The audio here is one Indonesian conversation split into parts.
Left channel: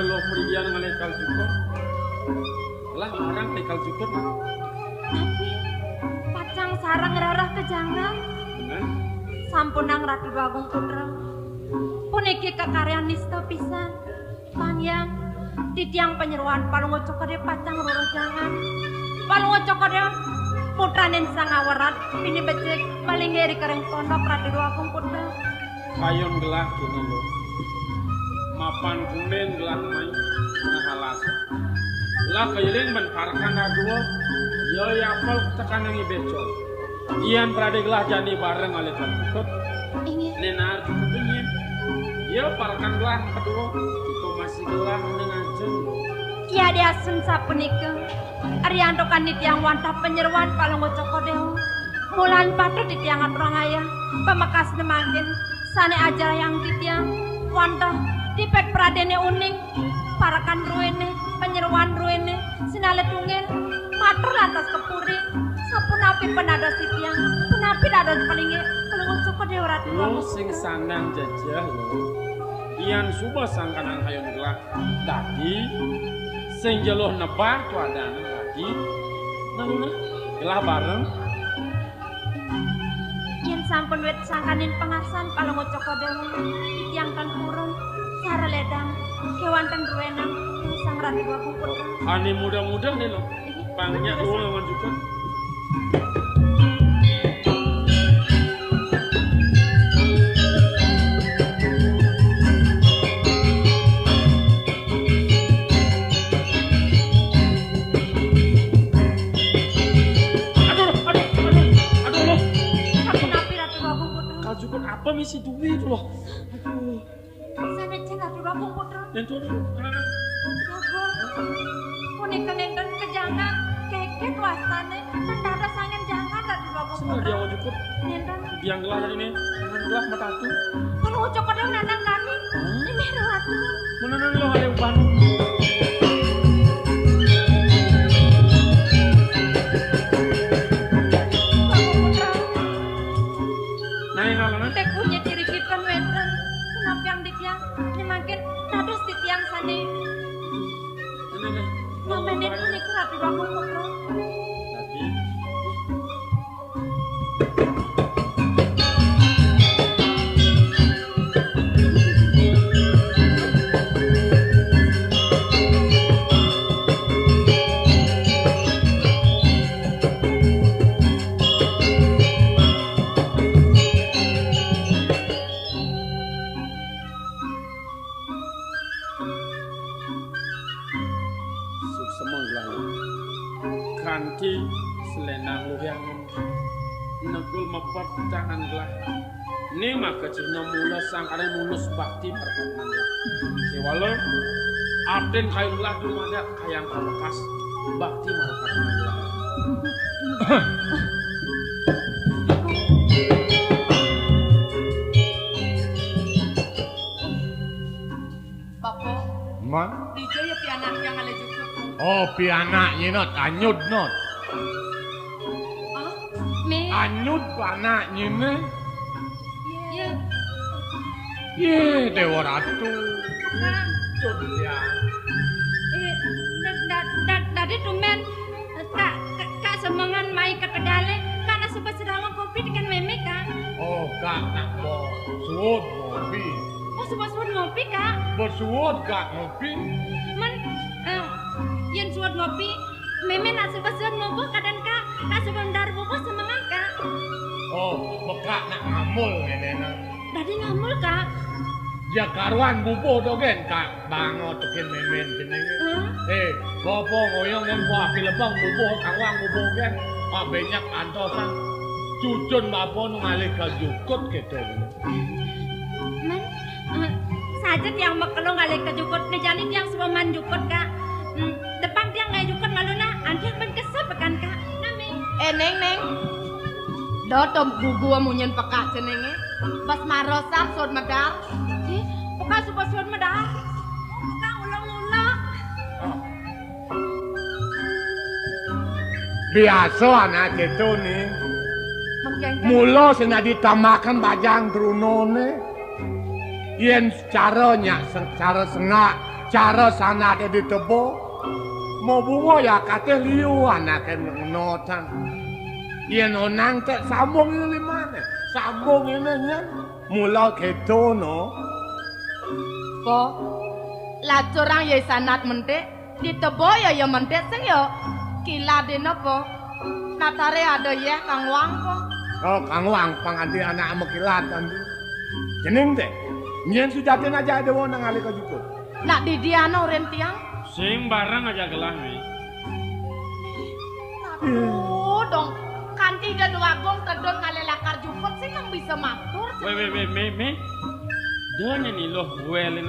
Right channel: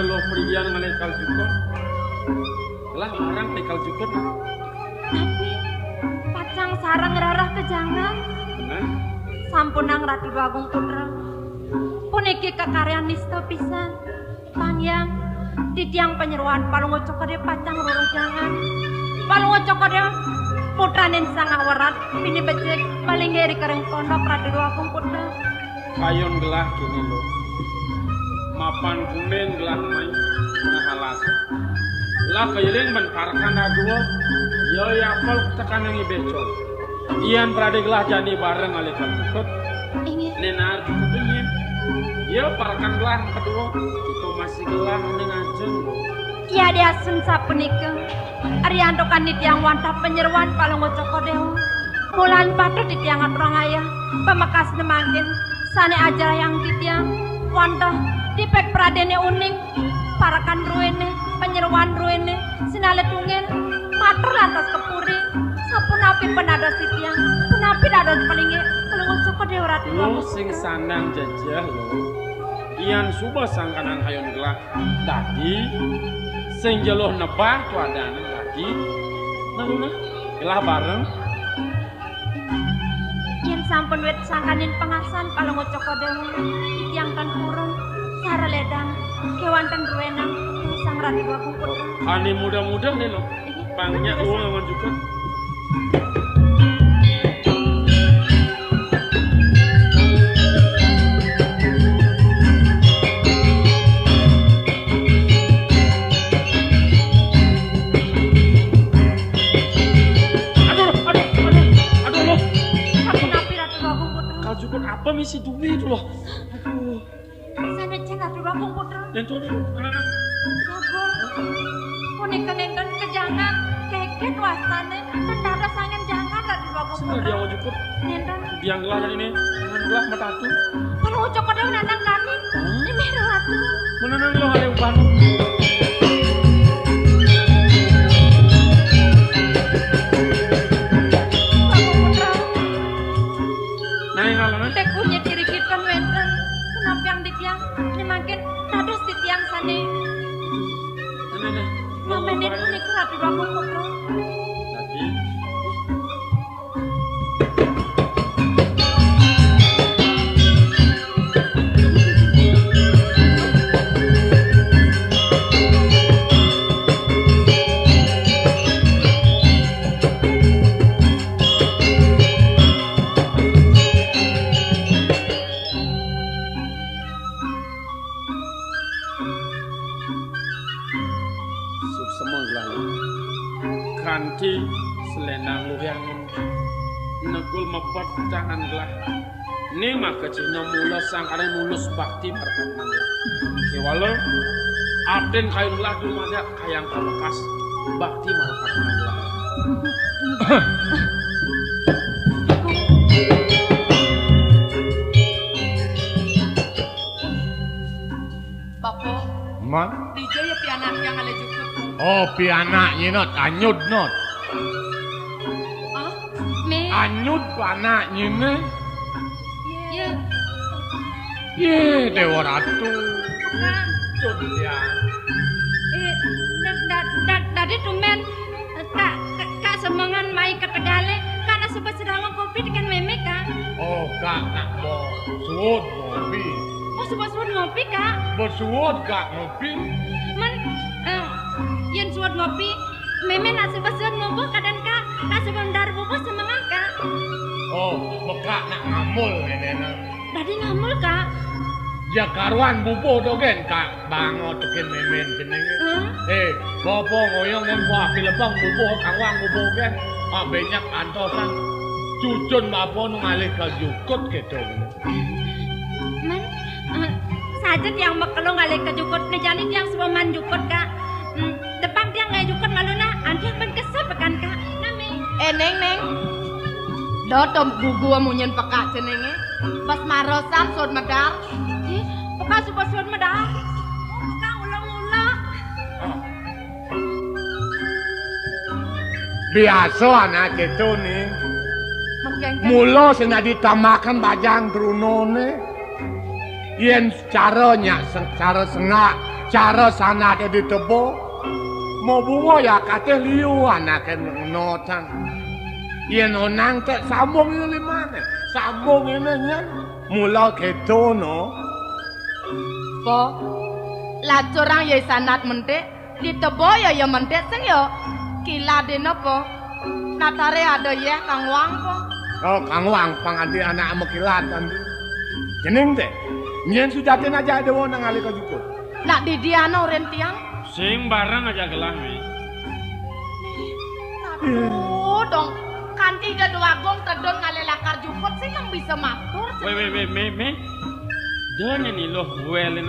lo priyan ngalekal juga. Lah orang tekal juga. Pacang sarang rarah kejangan. Sampunang Ratu Agung Putra. Puniki kekaryan nista pisan. Pangyang titiang penyeruan palungo cokode pacang loro jangan. Palungo cokode putranen sang awarat bini becek paling ngeri kareng pondok Ratu Agung Putra. Kayon gelah kini lo. Mapan kumen gelah mai ngahalas. Lah kairing menparkan aduh. Yo ya kol tekan yang ibejo. Ian berada gelah jani bareng alekal juga. Nena ingin. Yo parkan gelah kedua. Itu masih gelah dengan jen. Iya dia sensa punika. Arianto kan di tiang wantap penyeruan palungo cokodeo. Mulan patut di tiangan orang ayah. Pemakas nemangkin. Sane aja yang di tiang wantap. Dipek pradene uning. Parakan ruene. Penyeruan ruene. Sinale tungen. Mater lantas kepuri. Sapun api penada si tiang. Penapi ada palingnya. Palungo cokodeo ratu. Lo sing sandang jajah lo. Ian suba sangkanan hayon gelah. Tadi sing jeluh nebah tuadana lagi. Nana gelah bareng. Yen sampun wet sangkanin pengasan palungo cokodeo. Yang kan kurang. Cara ledang. Kewanten ruenang. Sang Ratu Agung Putra. Ani muda-muda nih lo. Pangnya lu sama juga. Aduh lo. Sapun api Ratu Agung Putra. Kal juga apa misi duwi itu loh. Aduh. Sana cek Ratu Agung Putra. Itu anak-anak. Punika nenten kejangan keket wasane tentara sangen jangan Ratu Agung Sudah Putra. dia mau juga. Nenten Yang gelah dari ini. Gelah mata tuh. kalau ucap kodeo natan kami. Ini Ratu. Mana lo ada upan. Agung Putra. Nah yang ngalah Tek punya diri kita wenten. Kenapa yang dibiang makin nados di tiang sane. Ngamen itu niku Ratu Agung Putra. Tadi. Kanti selendang luhyang negul mepat tangan gelah ini maka kecilnya mula sangkara mulus bakti perkatan kewalo aden kayu gelah dulu ada kayang kabekas bakti marapatan gelah Bapo, Man. dijo ya pianak yang ada juga. Oh, pianaknya not anyut not. Ah, me. Anyut anaknya ne. Ya, Ye, Dewa Ratu. Kang. Cut ya. Tadi tumen kak semangan mai ke kedale karena sebab sedang kopi dengan meme kan. Oh, kak nak mau suwut ngopi. Oh sebab ngopi kak. Bersuwut kak ngopi. Man, yang suat ngopi meme nasi basuan ngobrol kadang kak sebelum dar bubuk semangat kak. Oh, bekak nak ngamul nenena. Tadi ngamul kak. Ya karuan bubuh tu kan kak bangot kan memen jenenge. Bobo ngoyong dan kuah pilebang bubuh kawang bubuh kan. Banyak antosan cucun bapon ngalih ke jukut gitu. Man, sajet yang makelong ngalih ke jukut nejani yang semua man jukut kak. Depan dia nggak jukut malu na, anti yang kesel pekan kak. Nami. Neng. Dodom bubu munyen pekak jenenge. Pas marosan sod medar. Bukan sebab suat medah. Kang ulang-ulang. Biasa anak gitu nih. Mula sing ditambahkan bajang trunone. Yen caranya secara sengak cara sanake ditebo mau bunga ya kate liu anake notan yen onang tek sambung ini mana sambung ini nyan mula ketono Po lah corang ya sanat mentek ditebo ya mentek sing ya kila dene po natare ada ya Kang Wang po oh Kang Wang pangati anak mekilatan jeneng deh nyen sujatin aja ada wong nang alika jukut nak di diano ren tiang Sing barang aja gelah mi. aduh dong kanti da dua gong sedon ngalelakar jukut sih yang bisa matur Me. Dan ini loh welin.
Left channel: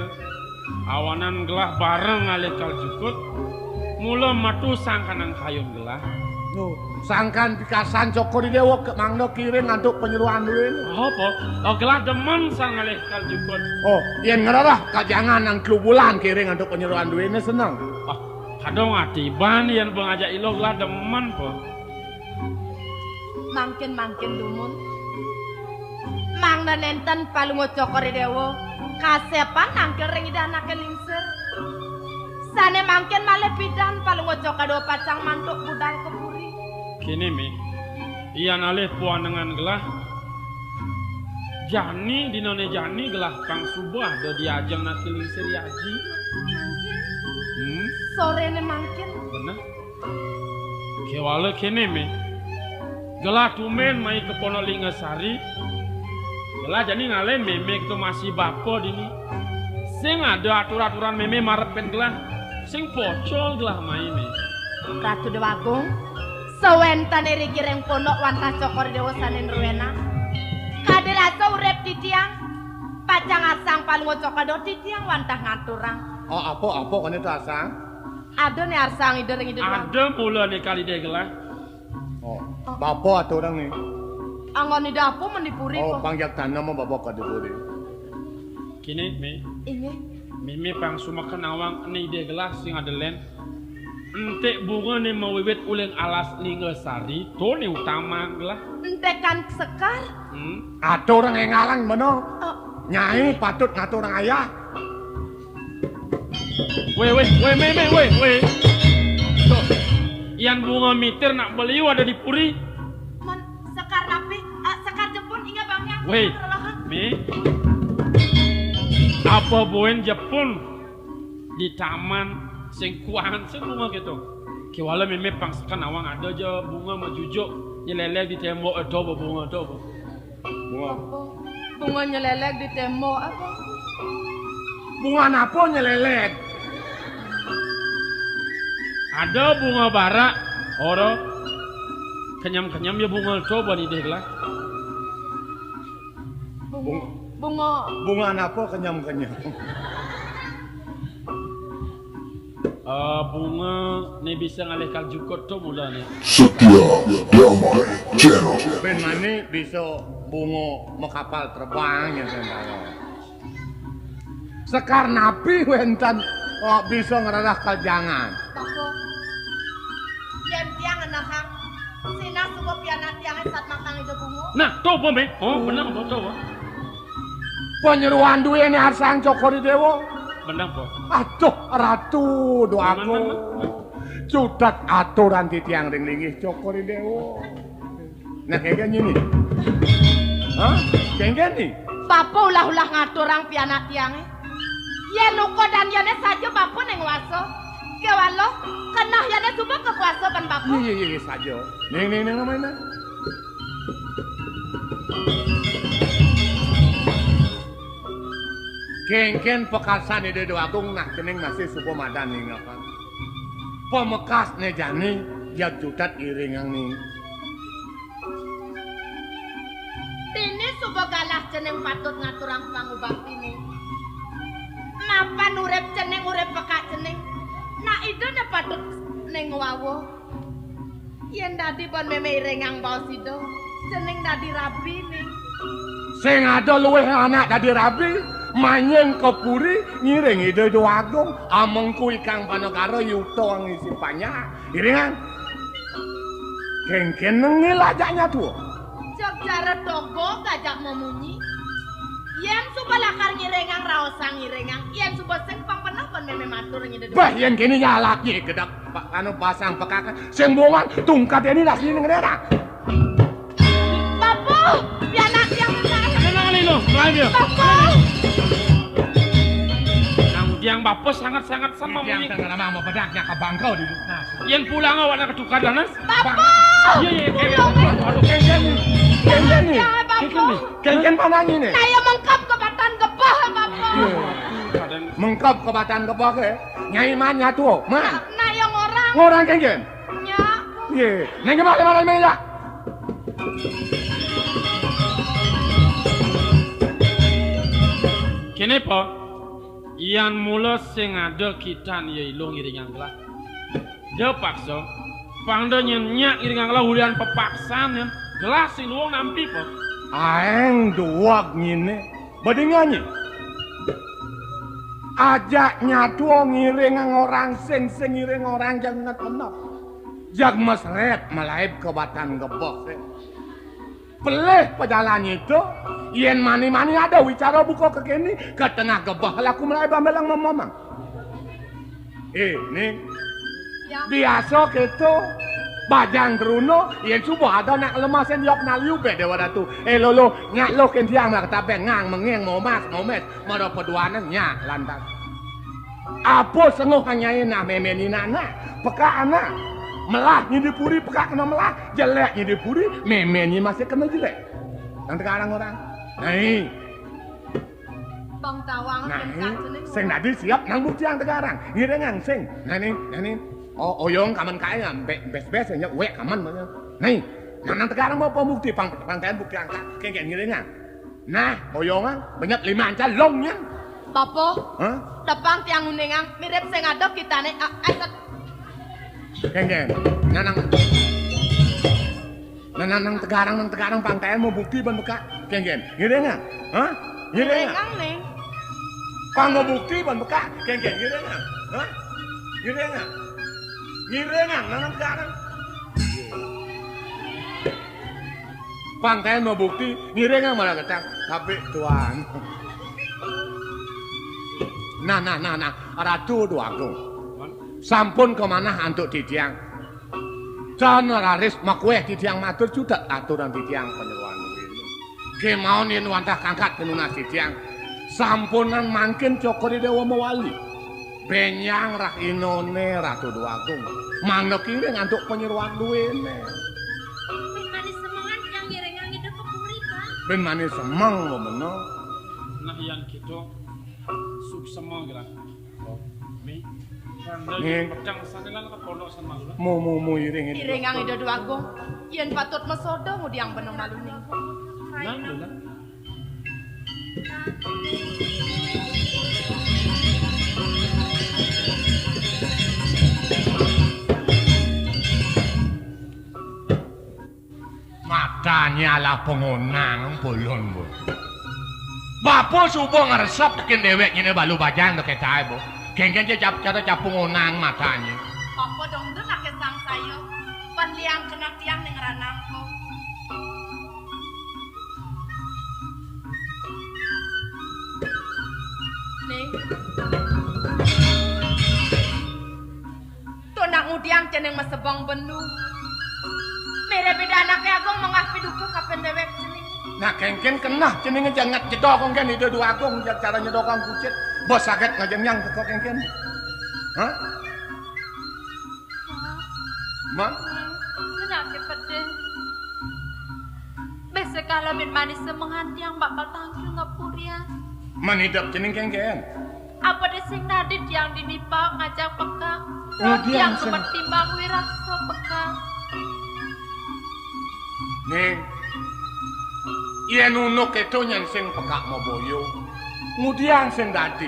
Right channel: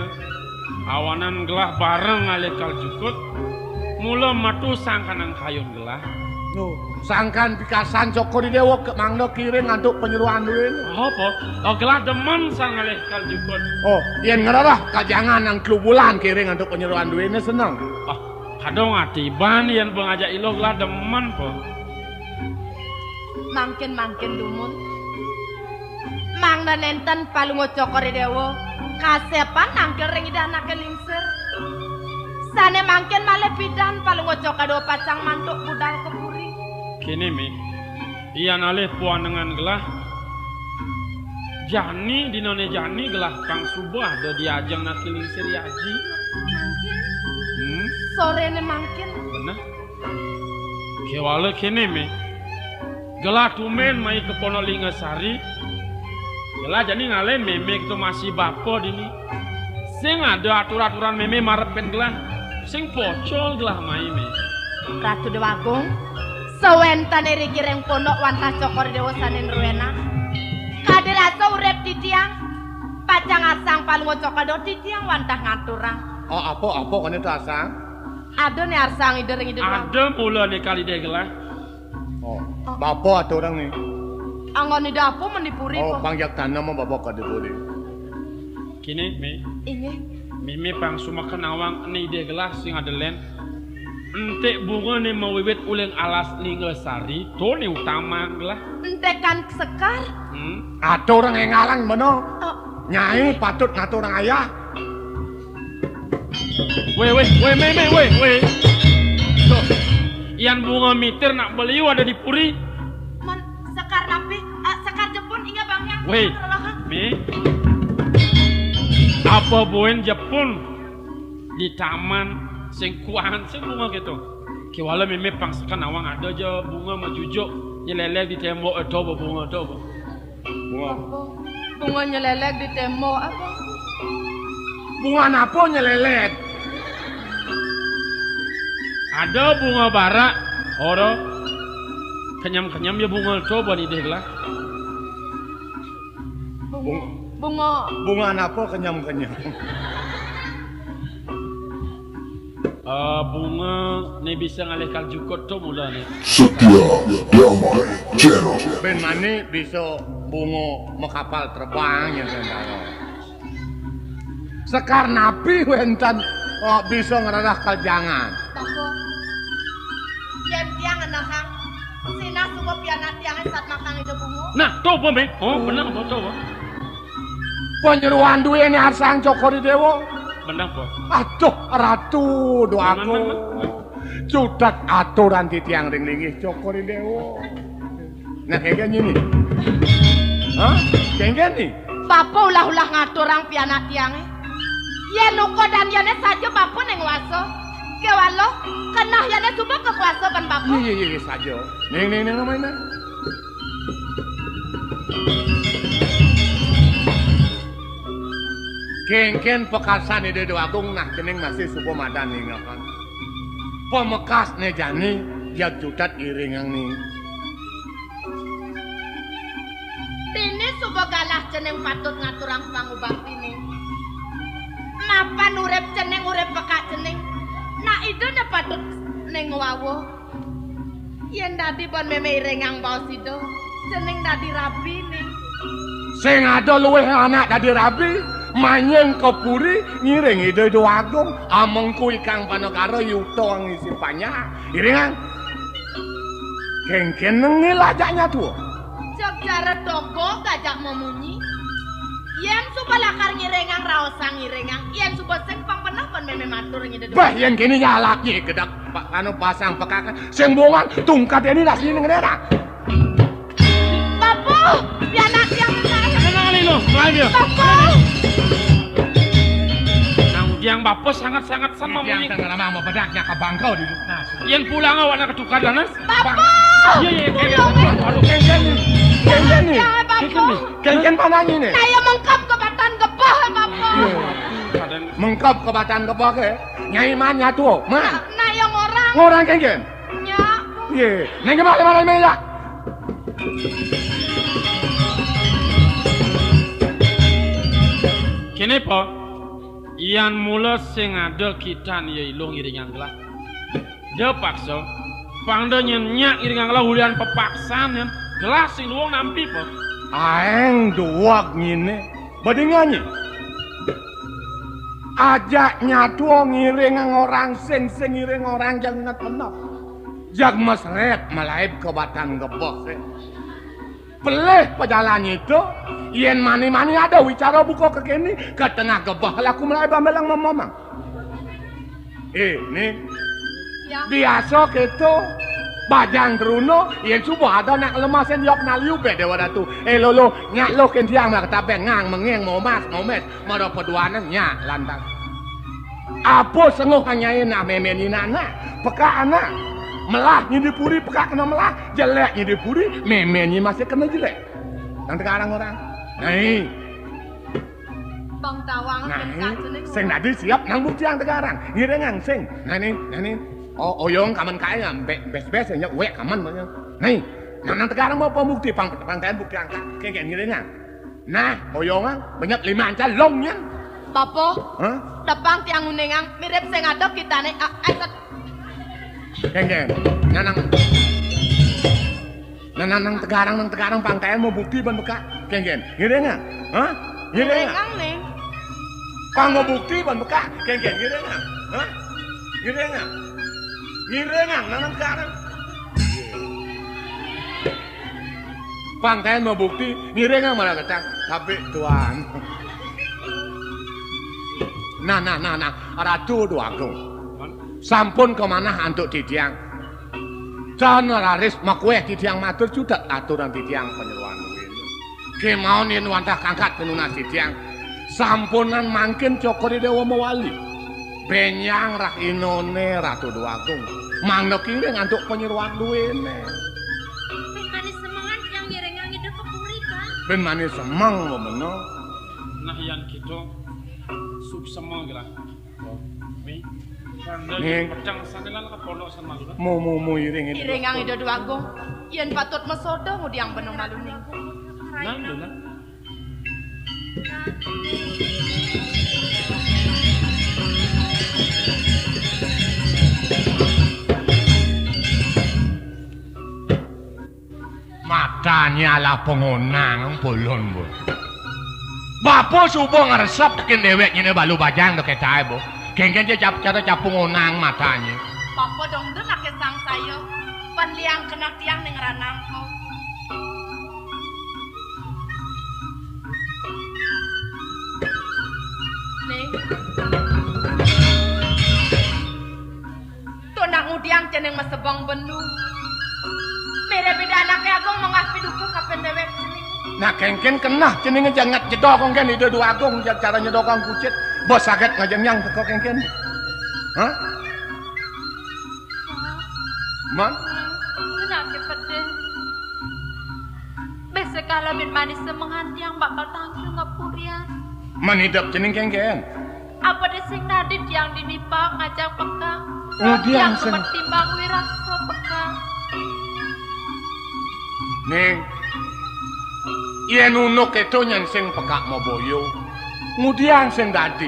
Awanan gelah barang ngalekal jukut. Mula matu sangkanang kayun gelah. tuh sangkan pikasan Joko di Dewa ke mangdo kiring ngaduk penyuruhan duit Apa? Oh gelah demen sang ngalekal jukut. oh yen ngerah kajangan nang kebulan kiring ngaduk penyuruhan duitnya seneng Ah, kadang atiban yang bengajak ilo gelah demen po. mangkin dumut mang nenten palungo cokore dewo kasepan nangkel ring ida nakel lingser sane mangkin male pidan palungo cokado pacang mantuk budal kepuri Kini mi. Iyan alih puan dengan gelah. Jani dinone jani gelah kang subah do diajeng nak lingsir yaji. sore ne mangkin Bener. Kewala kini mi. Gelah tumen mai ke Ponolingasari. Gelah jadi ngale memek tu masih bapo dini. Sing ada aturan-aturan meme marep pen gelah. Sing pocol gelah mai me. Ratu Dewakung sewentane riki reng pondok wantah cokor dewa sanen ruena kadelaso urep di tiang pacang asang palungo cokado di tiang wantah ngaturang oh apa kene tasang ada nih arsang ide Ada mula ni kali dia gelah. oh bapak ada orang nih angon ide aku menipuri oh po pangjak tanam mau bapak kada boleh Kini mi. ini Mimi bang suma kenawang ni dia gelah sing ada len. Entek bunga ni mawiwit uleng alas Lingasari. Tu ni utama gelah. entekan sekar ada orang yang ngalang mana oh, nyai patut ngatur orang ayah Weh. So, yang bunga mitir nak beli ada di puri. mon sekar napi sekar jepun ingat bang yang Weh, mi. Apa buen Jepun di taman sing kuahan sing bunga gitu. Kiwala mimi pangsakan awang ada je bunga majujuk nyelelek di tembok atau bunga atau bunga nyelelek di tembok apa bunga apa nyelelet ada bunga bara oro kenyam ya bunga coba di dela bunga apa kenyam bunga ni bisa ngalihkan cukup tu mula ni Setia Damai Channel. ben mani bisa bunga mekapal terbang ya sekar napi wentan oh bisa ngeradah kajangan Toko. Jem tiang anak kang. Sina suko piana tiang saat makan itu bungo. nah tu apa me oh benar apa tu penyeruan duit ini arsang Joko di Dewa benar apa aduh ratu doaku judak aturan di tiang ring-ringih Joko di Dewa nah kayak gini nih hah kayak gini Bapak ulah-ulah ngatur orang piana tiang. Yen luko dan yane saja bapak neng waso. Kewalo kenah yane suka ke kuasa ban bapak. iya saja ning mana Kengken pekasan ide doagung nah kening masih suku madan nih ngapan. Pemekas nih jani yang judat iringang nih. Ini suka galah ceneng patut ngatur orang pangubah ini. Mapan urep ceneng urep peka ceneng. Nah itu na patut neng wawo. Yen dadi pon meme iringang baos itu. Ceneng dadi rapi nih. Sing ada luweh anak dadi rapi. Manyen kepuri ngiring ide doagung amengku ikang panokaro yuto ang isin panya iringan kengken ngilajaknya tuh Jok cara toko gajah memunyi. Yang suka lakar ngirengang raosang ngirengang. Yang suka sengpang penang pon meme ame matur nyede. Bah yen kene ya laki gedak anu pasang pekakan sing bongan tungkat ini dah sini ngene dah. Bapo, pianak yang menarik. Tenang lilo, ayo. Bapo. Yang bapak sangat-sangat sama Yang menikah. tengah lama pedaknya ke bangkau di sana. Yang pulang awak nak ketukar danas. Bapo. Iya, aduh kencan. Kencan nih. Ya, Bapo. Kencan panahnya nih. Saya mengkap ke batan gebah, Bapo. Mengkap ke batan kebak Nyai mana tu? Ma. Nah, yang orang. Orang kencan. Nya. Ye. Neng mana meja? Kenapa? Ian mula sing ada kita ni ilung iringan gelah. Dia paksa. Pangda nyenyak iringan gelah hulian pepaksan yang gelas si luang nampi po. Aeng duak ngine. Badingannya. Ajak nyatu ngiring orang sing ngiring orang jangan benar. Jag mesret melaip ke batan gebok. Peleh pejalan itu, yen mani-mani ada wicara buka ke kini, ke tengah gebah, laku mulai bamelang mamang. Ini, Ya. biasa gitu, bajang keruno, yen subuh ada nak lemasin yok naliu beda wadatu. Lolo, nyak lo kentiang mak tapen ngang mengeng mau mas, mau met, mau peduanan nyak lantas. Apa senguh hanya nak memeninana, peka anak. Melah ni dipuri pekak kena melah, jelek ni dipuri, memennya masih kena jelek. Nanti sekarang orang. Nih, Bang Tawang sing nadi siap nang buktiang tegarang. Ini dengan sing. Nani. Oh, oyong kaman kaya bes nya wek kaman banyak. Nih, nang tegarang mau pembukti pangkaian bukti angka. Kayak gini dengan. Nah, oyong banyak 5 anca longnya. Bapo. Hah? Tepang tiang unengang mirip sing ada kita nih. Keng. Nang tegarang pangkaian mau bukti ban bekak. Keng. Ngene enggak? Hah? Ngene enggak? Unengang nih. Kang mau bukti ban bekak. Keng. Ngene enggak? Hah? Ngene enggak? Ngene enggak nang tegarang? Pangkaian mau bukti, ngene enggak malah ketak. Tapi tuan. Nah. Ratu tu aku. Sampun kemana hantuk tidiang. Jangan laris makweh tidiang matur judat aturan tidiang penyeruan duit. Kemau ni nuantah kangkat penuna tidiang. Sampunan mangkin cokori dewa mawali. Benyang rak inone ratu duaku. Mangga kiri ngantuk penyeruan duit. Ben manis semangat yang ngirengang hidup kepuri kan. Ben manis semang lo bener. Nah yang gitu suk sama gelah. Pangda Ning. pedang sanelan ke pondok sama. Mau iring ini. Irengang ida dua agung. Yen patut mesodo ngudiang benong malu nih. Nah, itu kan. Matanya lah pengonang bolon bu. Bapak subuh ngeresap tekin dewek ini balu bajang tuh kecai bu. Kengken dia cara capung onang matanya. Bapo dong tuh nak kesang saya. Penliang kena tiang ning ranangku. Nih. Tuh nak ngudiang ceneng masebong benu. Beda-beda anaknya aku mengapi dukung kapan dewek sini. Nah kengken kena ceningnya jangan jedok kengken itu dua agung cara nyedokang kucit. Bos sakit ngajengyang teko kengken. Hah? Man? Kenapa pedih? Besok kalau ben manis semangat yang bakal tampil ngepurian. Man hidup cening kengken. Apa di sing nadit yang dinipang ngajak pekang. Ngudiang Yang sing- ketimbang wirasa pekang. Ning. Yen unuk itu nyen sing pekak mau boyo. Ngudiang sing dadi.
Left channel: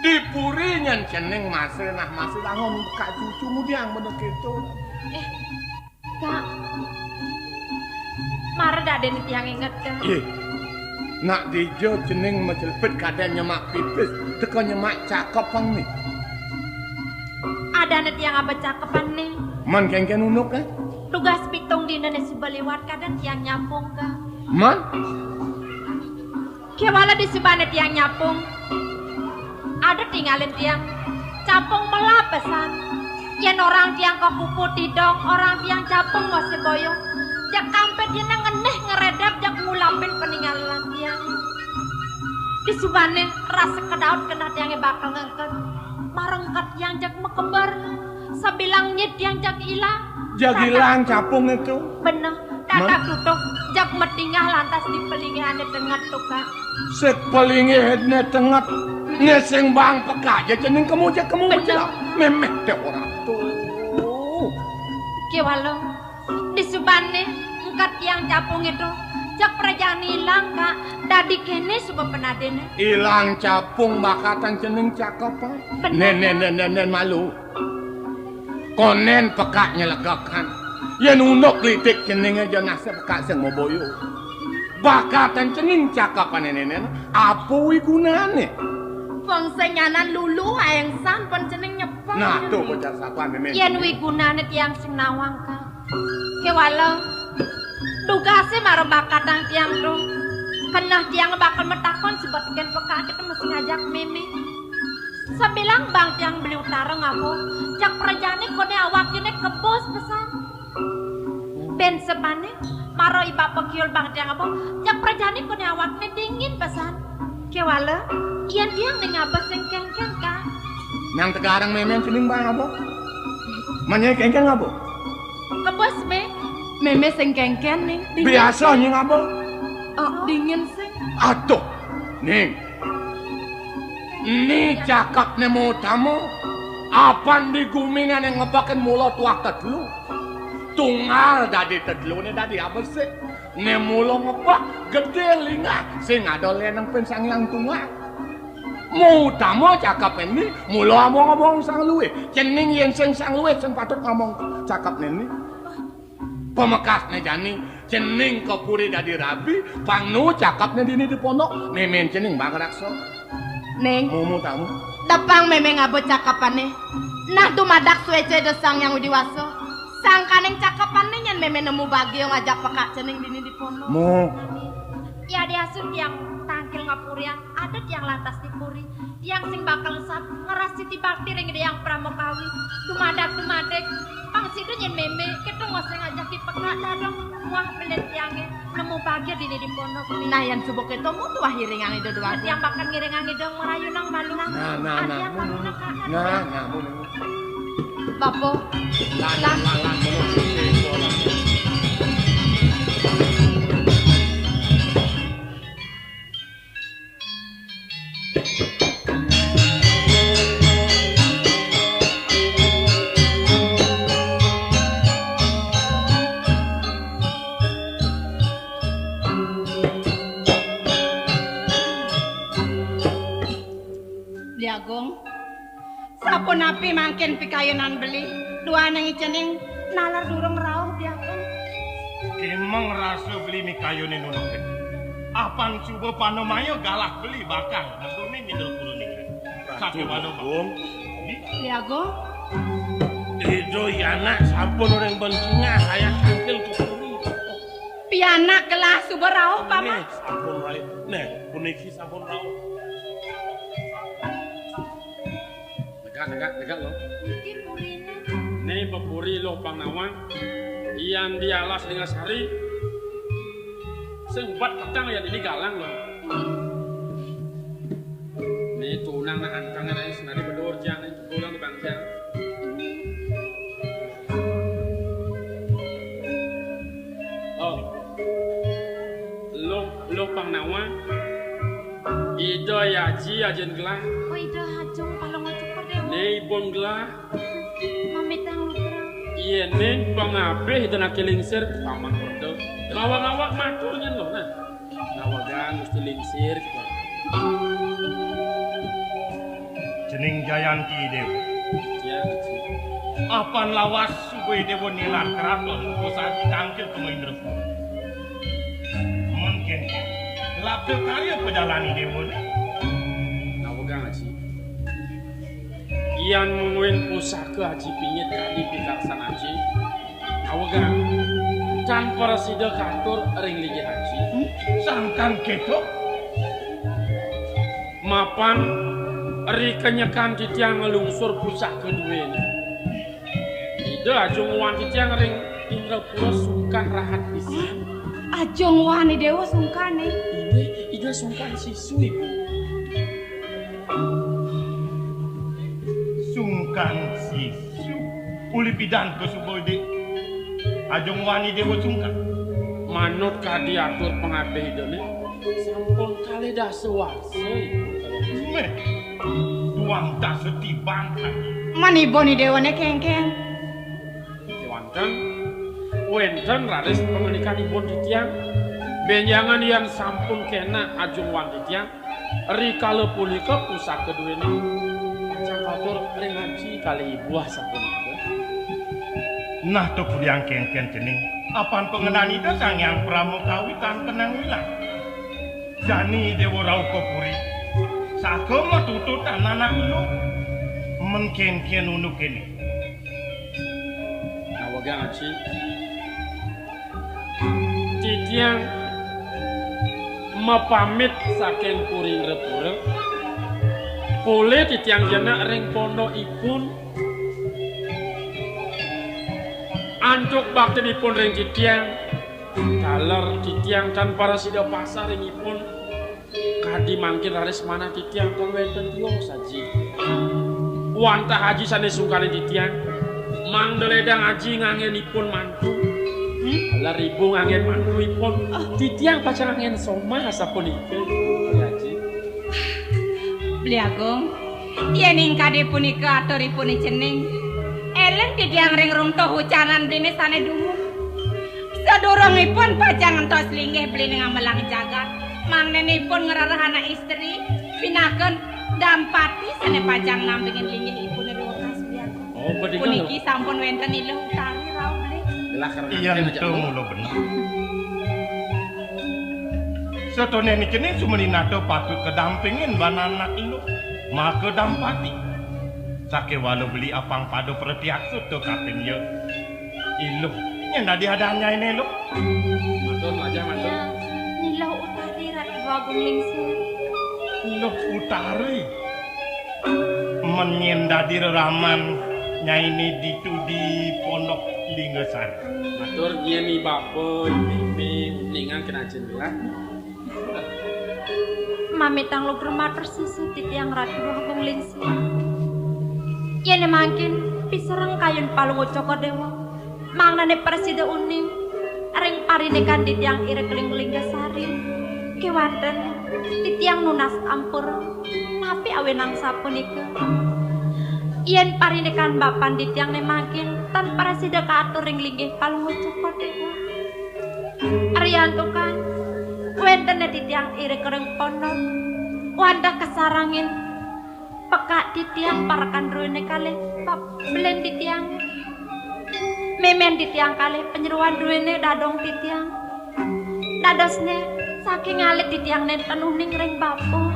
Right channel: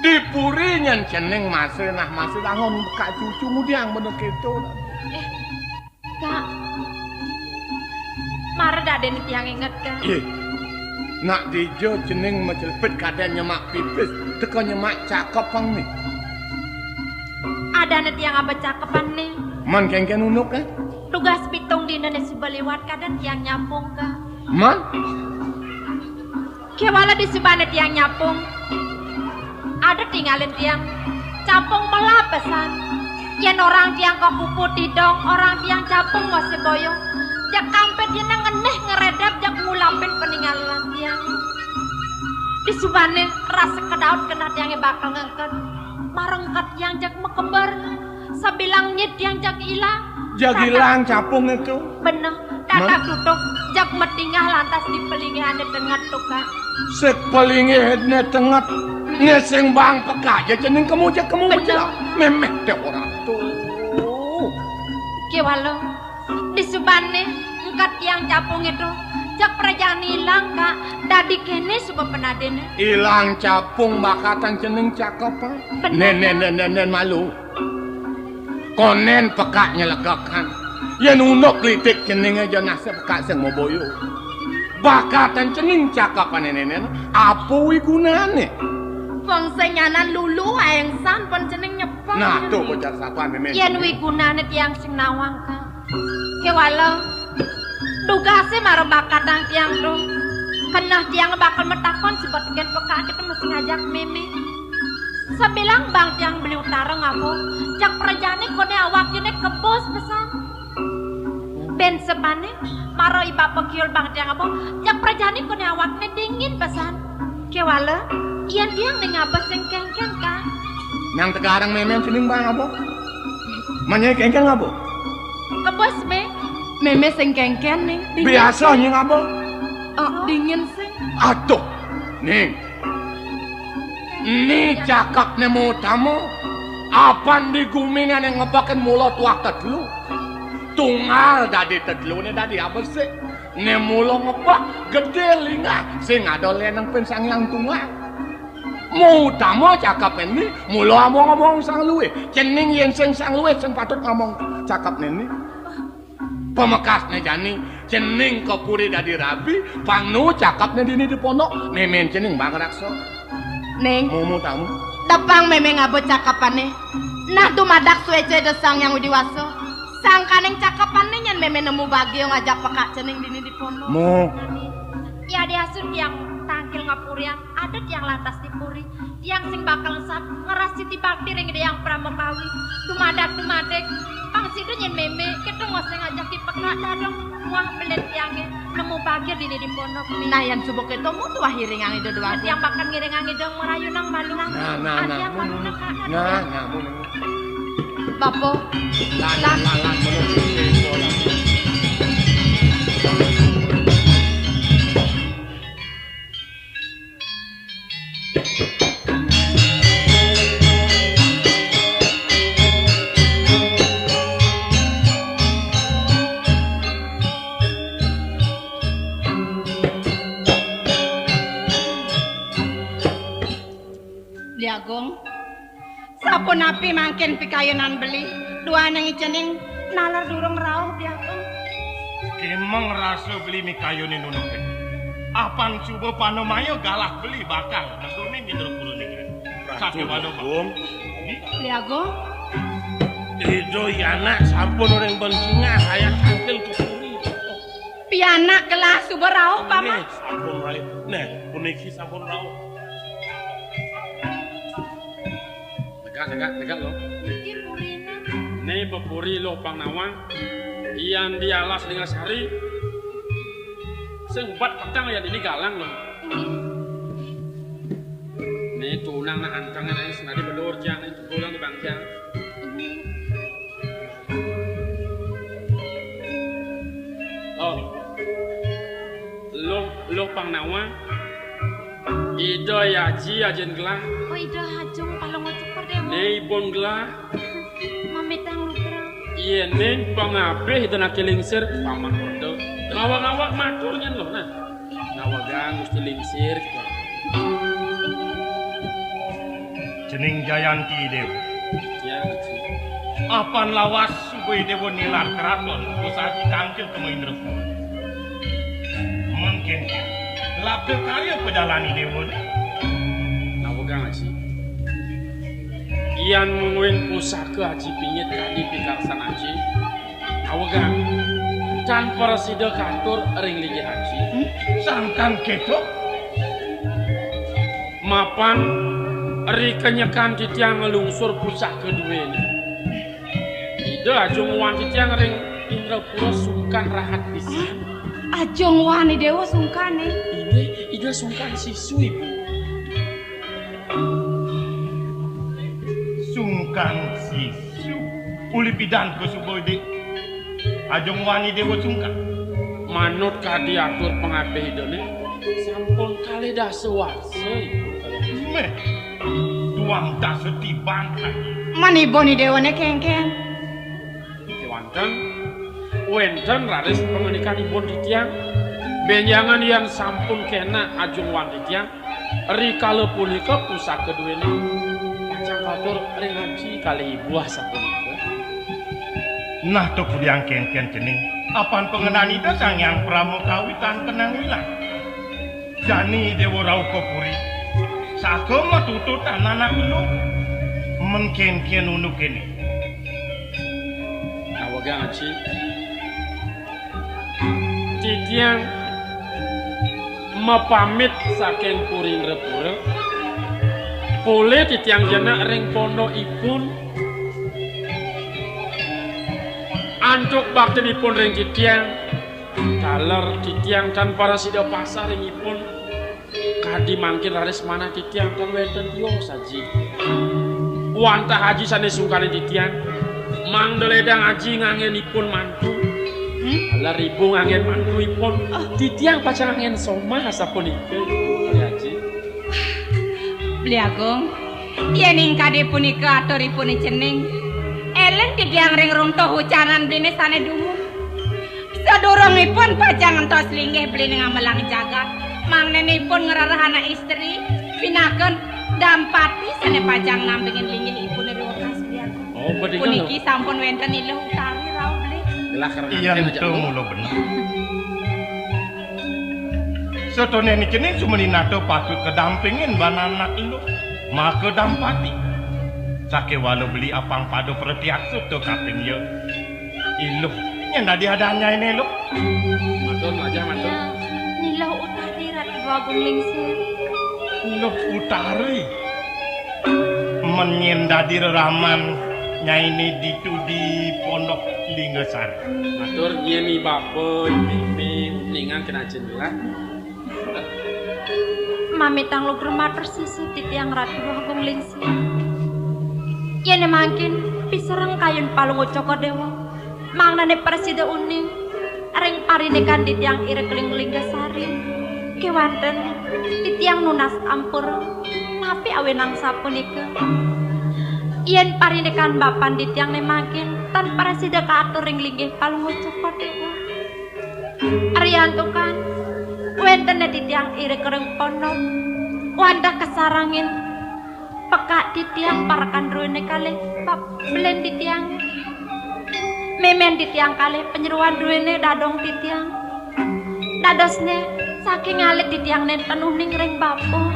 Dipuri nyen jeneng masih langon bekak cucu ngudiang bener gitu. Kak. Marah dak den yang inget kan. Ye. Nak dijo jeneng mejelpet kadang nyemak pipis. Teko nyemak cakep pang nih. Ada net yang apa cakepan nih. Man kengken unuk kan? Tugas pitung di Indonesia baliwat kadang yang nyambung kak. Man? Kewala di sebanet yang nyapung. Ada tinggalin tiang. capung melapesan. Yen orang tiang kepupu tidong, orang tiang capung masih boyong. Jak kampet yen ngeneh ngeredap jak ngulapin peninggalan tiang. Disubane rasa kedaut kena tiangnya bakal ngangkat. Marengkat tiang jak mekembar. Sabilang nyit tiang jak ilang. Jak ilang capung itu. Bener, dadak tutuk jak metingah lantas dipelingihane dengan tukang. Sek pelingihane tengah ngeseng bang peka ya jeneng kamu bener memek deh orang tuh. Kiwalo, disubane engkat tiang capung itu jak perjalanan ilang kak. Dadi kene suka penadene. Ilang capung bakatan jeneng cakep. Nen malu. Konen peka nyelegakan. Ya nunuk litik jeneng aja nasib peka sing mau boyo. Bakatan jeneng cakapan nenen apa gunane? Wong sing nyanan lulu aeng san pon jeneng nyepong. Nah, tuh bocah satuan memek. Yen wigunane tiang sing nawang kak. Kiwalo, dugase marang bakatan tiang tuh. Kenah tiang bakal metakon sebab ken peka kita mesti ngajak meme. Sabilang bang tiang beli utara ngamu. Jak perjane kone awak jene kebos pesan. Ben sebane maro iba pekiul bang tiang ngamu. Jak perjane kone awakne dingin pesan. Kiwalo, iyan tiang ning abas sing kengkeng kak. Nang sekarang memek jeneng bang apa? Manyai kengkeng apa? Kebos me. Meme sing kengken ning. Biasa nyeng apa? Oh, dingin sing. Aduh, ning. Ini cakap nemu tamu. Apan di kumingan yang ngebakan mulut waktu dulu. Tunggal dadi tedlu ini dadi apa sih? Nemu lo ngebak gede lingah. Sing ada lenang pensang yang tunggal. Mau tamu cakap ini. Mulu ngomong sang luwe. Cening yang sang luwe. Sing patut ngomong cakap ini. Pemekasnya jani. Cening kepuri dadi rabi. Pangnu cakapnya dini di pondok. Memen cening bang rakso. Neng, Mau tamu. tepang meme ngabot cakapane. Nah tumadak suece desang yang udiwaso. Sangkaneng cakapane nyen meme nemu bagio ngajak pekak jeneng dini di pondok. Mau. Ya diasun yang tangkil ngapuriang, ada yang lantas dipuri, yang sing bakal sap ngerasi dibakti ring yang pramukawi, tumadak, pang situ nyen meme, kita ngose ngajak di pekak dadong, muah belet yangnya, nemu bagir di pondok. Nah yang subuk itu mutu ahiringan itu dua. Yang bakal ngiringang itu merayu nang malingang, Nah. ada yang malu nang kak. Nah. Bapo, Lah. Liagung. Sapun api mangkin pikayonan beli. Dua nang jeneng nalar durung rauh Liagung. Emang rasa beli mikayone nunuk. Apan coba panomayo galah beli bakal. Asumi pinter kulo ning. Kabeh panom. Liagung. Edo yana sampun urang bencingah hayang kentel kukuni. Pianak kelas suber rauh Paman. Sampun hai. Nah, puniki sampun rau. Tegak lo. Nih pepuri lo bang nawang. Iyan dialas dengan sari. Sempat petang ya ini galang lo. Nih tunang nah antangnya nih senadi bedor jang nih pulang di bangsa. Oh, lo bang nawang. Ido ya ji ajen gelah. Oh itu hajung palong ngajak dewa, Nih pun gelah. mamitang lutrang. Iya nih bang ape itu nak kelingsir paman itu. Awak-awak maturnya loh nah. Awagang mesti lingsir. Jeneng Jayanti Dew. Ya. Apan lawas suwe dewo nilar keraton usaha kangkir temui terus. Mungkin labda karya pedalani dewo. Awagang aji. Iyan mungkin pusaka aji pinyit kali pikaksan aji. Awagang. Can parasida kantor ring lingi aji. Sangkan ketok. Mapan ri kenyekan titiang ngelungsur pusat kedua. Ida ajung wan titiang ring Indrapura sungkan rahat pisan. Ajong wani dewa sungkane. Ida sungkan siswi. Sungkan sisu uli pidan ko subode ajong wani dewa sungkan Manut kadiatur pengabeh idone sampun kali dah sewasai. meh tuang tak setiban Manipun dewane kengkeng. Wenten raris pengenikanipun titiang benjangan yang sampun kena ajung wan titiang rikala punika pusaka duweni Kacang Batur ring haji kali buah sapunika. nah to kuliang ken-ken jening apan pengenan itu sang yang pramukawitan tenang wilang jani dewa rauh kopuri sagama tututan anak lu menken-ken unuk ini Awagang haji titiang mepamit saking kuring repureng boleh titiang jana ring pondokipun antuk baktenipun ring titiang kaler titiang tan para sida pasar ringipun kadi mangkin raris mana titiang tan wenten yo saji wantah haji sanes sungkane titiang mangdeledang haji ngangenipun mantu ala ribu ngangen mantuipun titiang pacang ngangen somah sapunika haji Beli Agung, yen kade punika aturipun jeneng eleng titiang ring runtuh hucanan blene sane dumu. Sadurungipun pajang entos linggih blene ngamelang jagat, mangnenipun ngerarah anak istri, pinaken dampati sane pajang nampingin linggih ibu nedukas Beli Agung. oh bedingan Puniki sampun wenten iluh utami rauh beli. lah karena iya itu mulu benar setone ini jenis cuma nato patut kedampingin bananak lu maka dampati sake walau beli apang padu pertiak suto kaping yo ilu yang tadi adanya ini lu matur aja matur Ya, nilau utari Ratu Agung Lingsir. ilu utari menyendadi reraman nyaini ditu di pondok Linggasari matur nyeni bapak mimi ningan kena jendela Mamitang lu bermatur sisi titiang Ratu Agung Lingsir. Yen mangkin pisereng kayun palungu Coko Dewa. Mangnane presida uning ring parinekan titiang ire keling Linggasari. Kewanten titiang nunas ampur tapi awenang sapunika. Yen parinekan bapan titiang ne mangkin tan presida kaatur ring linggih palungu Coko Dewa. Ariantukan wenten titiang ire kering pondok wanda kesarangin pekak titiang parakan ruine kalih belen titiang memen titiang kalih penyeruan ruine dadong titiang dadosne saking alit titiang nen penuh ning ring bapo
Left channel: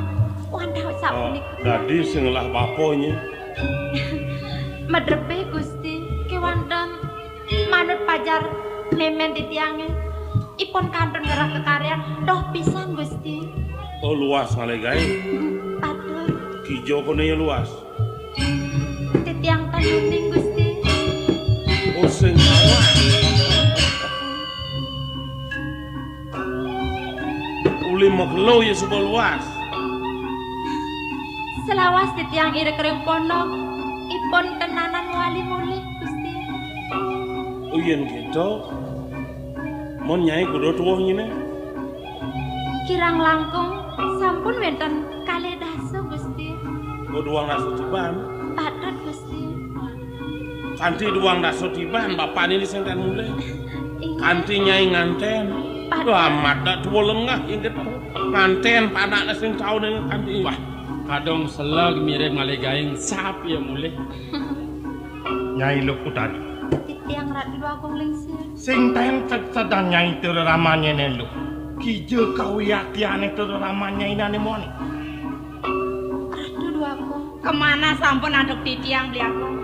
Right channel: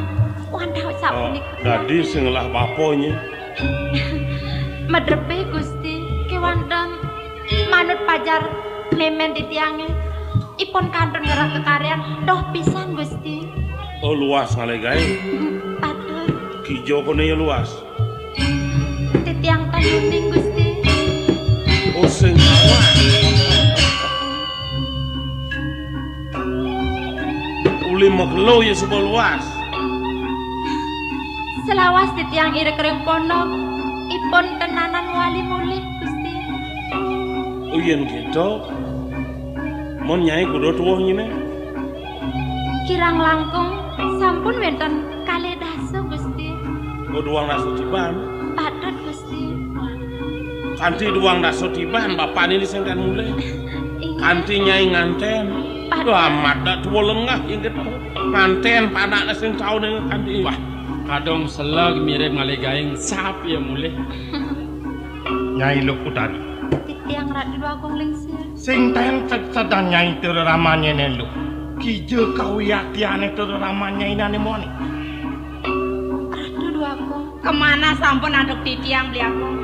wanda sapunika dadi sing lah baponya medrepe Gusti kewanten manut pajar memen titiange ipun kantun ngerah kekaryan doh pisan Gusti. oh luas ngalegai Aduh kijo kone ya luas titiang tanuning Gusti. oh sing uli maklo ya sebuah luas Selawas titiang ire kering pondok ipun tenanan wali mulih Gusti. oh yen gitu mon nyai kudu tuwuh nyine Kirang langkung sampun wenten kalih dasa Gusti. kudu uang naso tiban Patut Gusti. kanthi duang naso tiban bapak ini sing kan mulai kanthi nyai nganten amat dak tuwa lengah yen gitu nganten panakna sing kaune kanthi wah kadang selag mirip ngalegaing sap ya mulih nyai lu kutari Titiang Ratu Agung Lingsir. sing tencet sedan nyai ramanya ne lu kijo kawiyakiane ramanya inane moni Ratu Agung. Kemana sampun anduk titiang Beli Agung?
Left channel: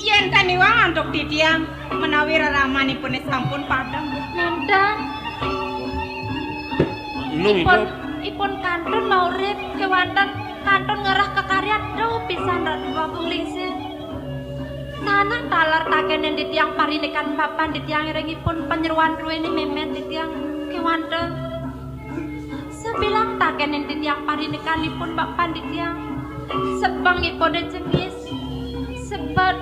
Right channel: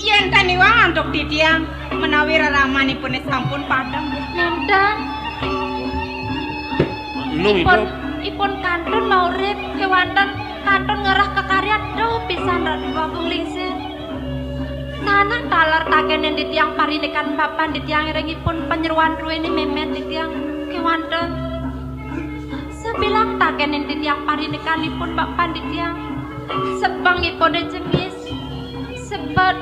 Yen taniwang anduk titiang menawi reramanipun sampun padang. Nenten lu itu ipun kantun maurip kewanten kantun ngerah ke Duh pisan Ratu Agung Lingsir. Nanang talar takenen di tiang parinikan papan di tiang irengipun penyeruan ruweni memet di tiang kewanten. Sebilang takenen di tiang parinikanipun papan di tiang sebangipun jengis. Sebab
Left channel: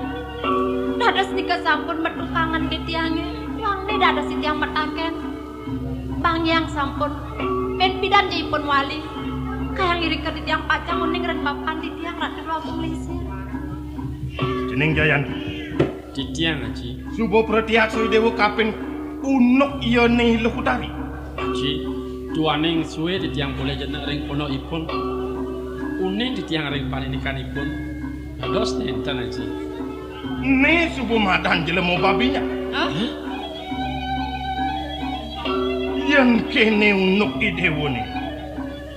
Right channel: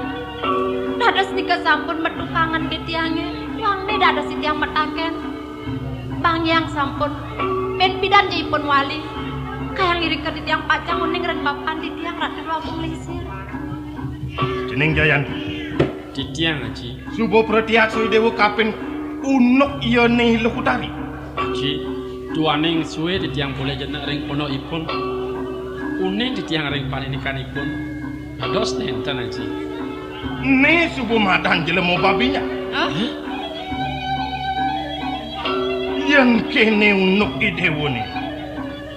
dados tiga sampun metukangan di tiangnya. Wangnya dados di tiang metaken. Bang yang sampun ben bidan ipun wali. Kayang iri ke di tiang pacang uning ren papan di tiang Ratu Agung Lingsir. Jeneng Jayan. Di tiang Haji. Subo pratiaksui dewa kapin unuk iya nih lekutari. Haji, duaning suwe di tiang boleh jeneng ring pono ipun. Une di tiang ring paninikanipun. Dos nenten Haji. Nih subo madan jelemu babinya. Yang kene unuk idewo nih.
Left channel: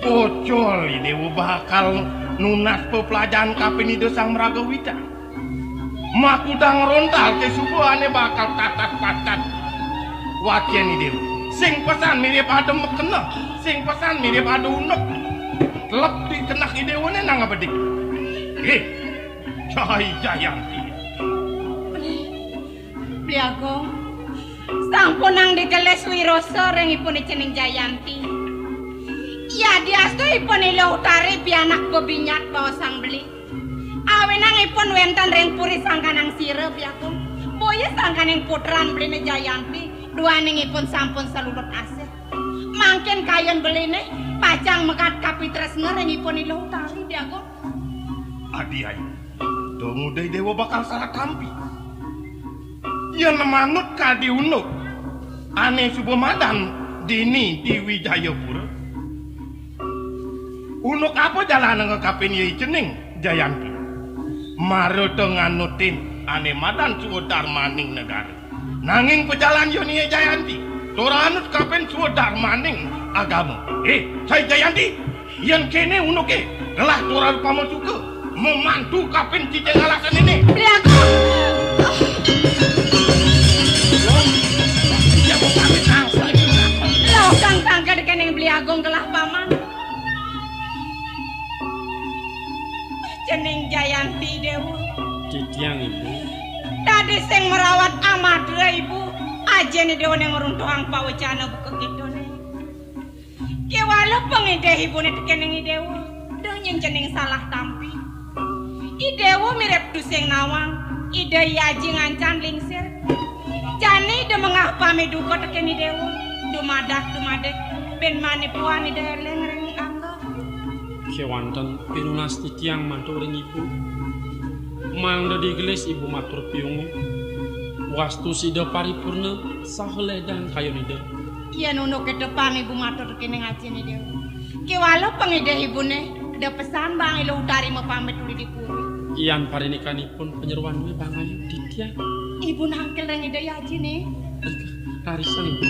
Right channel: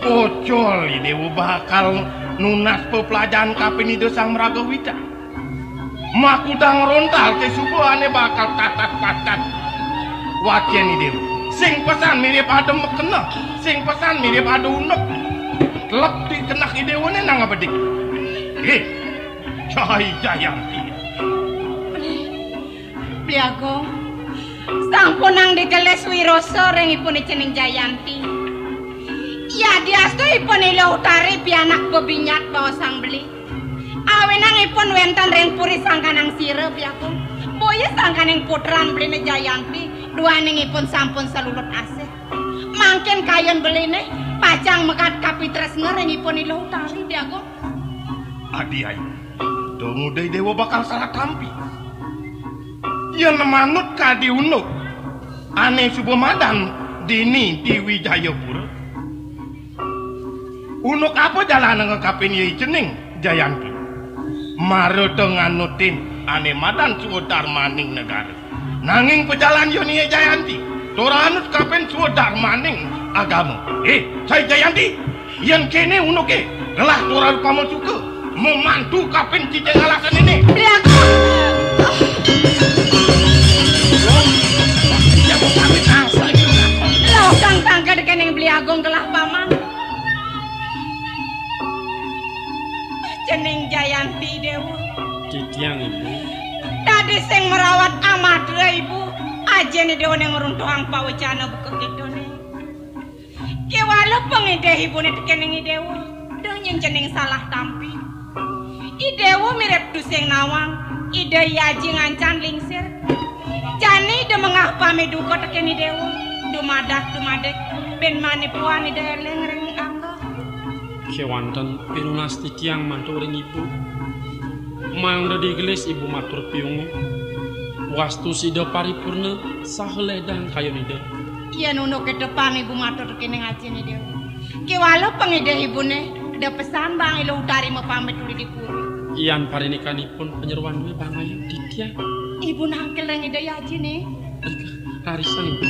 Kocol idewo bakal nunas pepelajaran kapin ide sang Meragawita. Makudang rontal ke suku ane bakal tatat-tatat wakian idewo. Sing pesan mirip ada mekena, sing pesan mirip ada unuk. Telak di kenak idewo nih nang abedik. Cahai Jayanti. Priago, sampun nang digeles wiroso rengipun jeneng Jayanti. Ya diastupun ilo utari pianak bebinyat bawa sang beli. Awenangipun wenten reng puri sangkanang sire Priago. Boya sangkaneng putran beli Jayanti. Duaningipun sampun selulut asih. Mangken kayon beline pacang mekat kapitres ngerengipun ilo utari Priago. Adi ayo, tunggu deh dewa bakal salah tampi. Ya nemanut kadi unuk. Ane subuh madan dini di Wijayapura. Unuk apa jalan ngekapin yai jeneng Jayanti. Maro dengan nutin ane madan suwedar maning negara. Nanging pejalan yoni Jayanti. Doranut kapin suwedar maning agama. Saya Jayanti. Yang kene unuk gelah doran pamosuke. Memantu kapin cijeng alasan ini. Priago. Laukang tangga dekeneng beli agung gelah paman. Jeneng Jayanti dewa. Di tiang ibu. Tadi sing merawat amadra ibu. Aja nih dewa yang ngeruntuhang pawacana buku gitu nih. Kewala pengideh ibu nih dekeneng dewa. Dengan jeneng salah tampi. Idewo mirip duseng nawang. Ide yaji ngancan lingsir. Jani de mengah pami duko tekeni dewo. Dumadak ben manipuan ide eleng ring angga. Kewanten pirunas di tiang mantu ring ibu. Mangda digelis ibu matur piungu. Wastu sida paripurna sahele dan kayon ide. Iya nuno ke depan ibu matur tekeni ngaji nih dewo. Kewala pengide ibu nih. De pesan bang ilo utari mau pamit dulu di puri. Iyan parinikanipun penyeruan dua pangayan di tiang. Ibu nangkel yang ide yaji nih. Karisan ibu.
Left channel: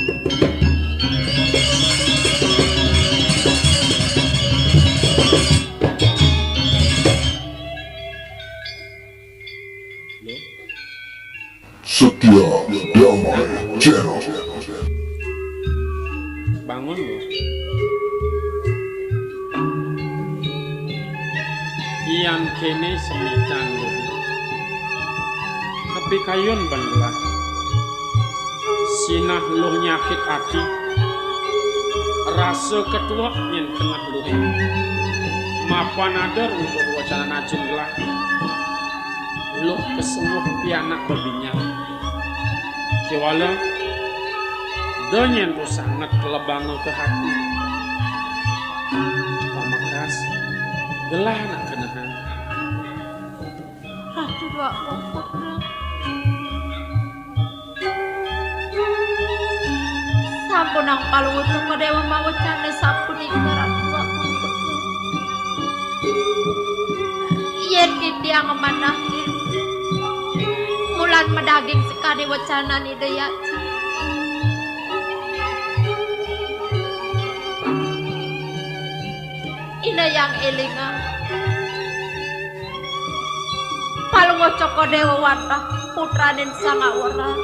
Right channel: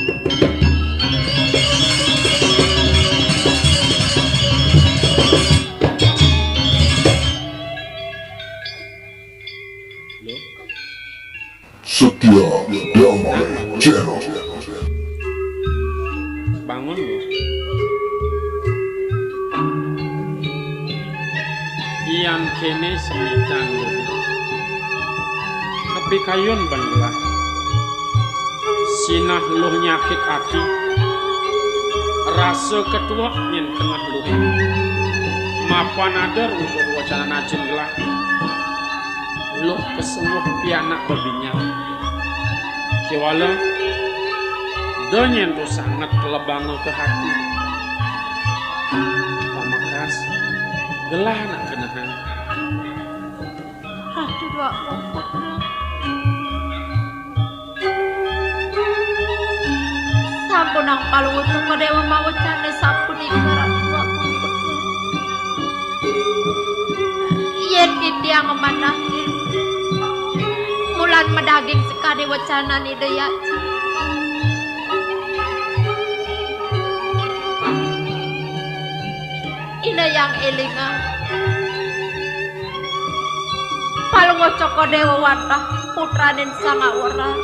Setia Damai Channel. Bangun. Iyan kene simitan. Tapi kayon banila. Sinah luh nyakit hati. Rasa ketua yang tengah luh. Mapan ada rumput wacana nacin gelah. Luh kesemuh pianak babinya. Kewala. Donyen lu sangat kelebang ke hati. Pamakas. Gelah nak kenahan. Ratu sampun ang paluto ko dewa mawacane sampun ibarat waktu. Yen kiti ang manahin. Mulan medaging sekade wacana ni daya. Ina yang ilinga. Palungo coko dewa watah putranin sama orang.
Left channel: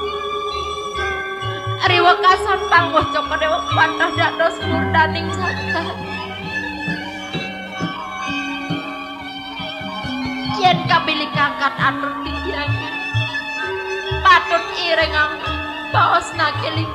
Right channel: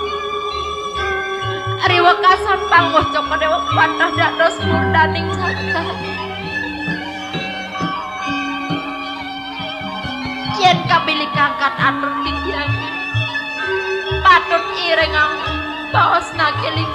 Ariwa kasan palungo coko dewa watah dados murdaning santan. yen kabili kakak atur titiang patut iring baos nagiling